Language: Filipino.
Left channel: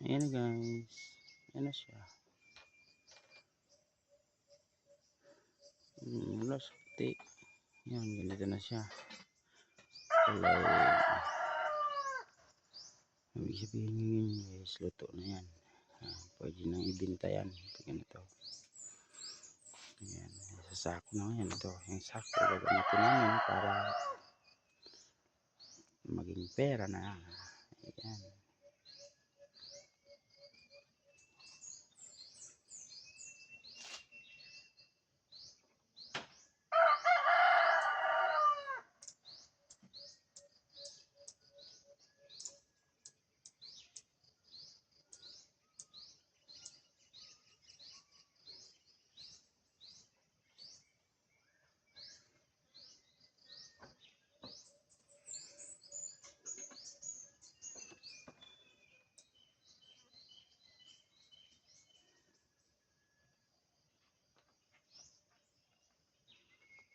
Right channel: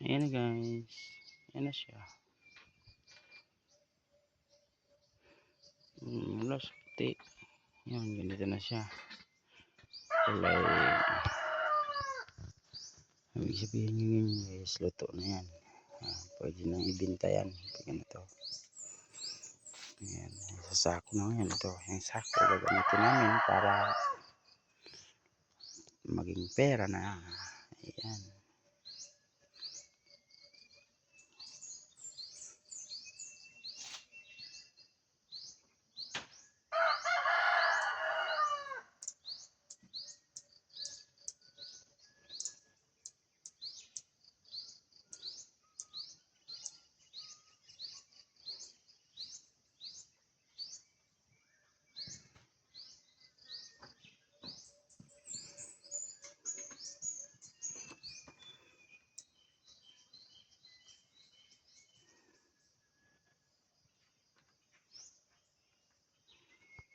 Ayan guys. Ayan na siya. Hmm, wala sa puti. Yan, ganito na siya. Kulay. Ibig sabihin nyo yun guys, luto na yan. Ah, pwede nang ibinta yan. Pag ganito. Ayan, sa sako na yan. Ito, yung sako gagamitin namin para maging pera na. Ayan.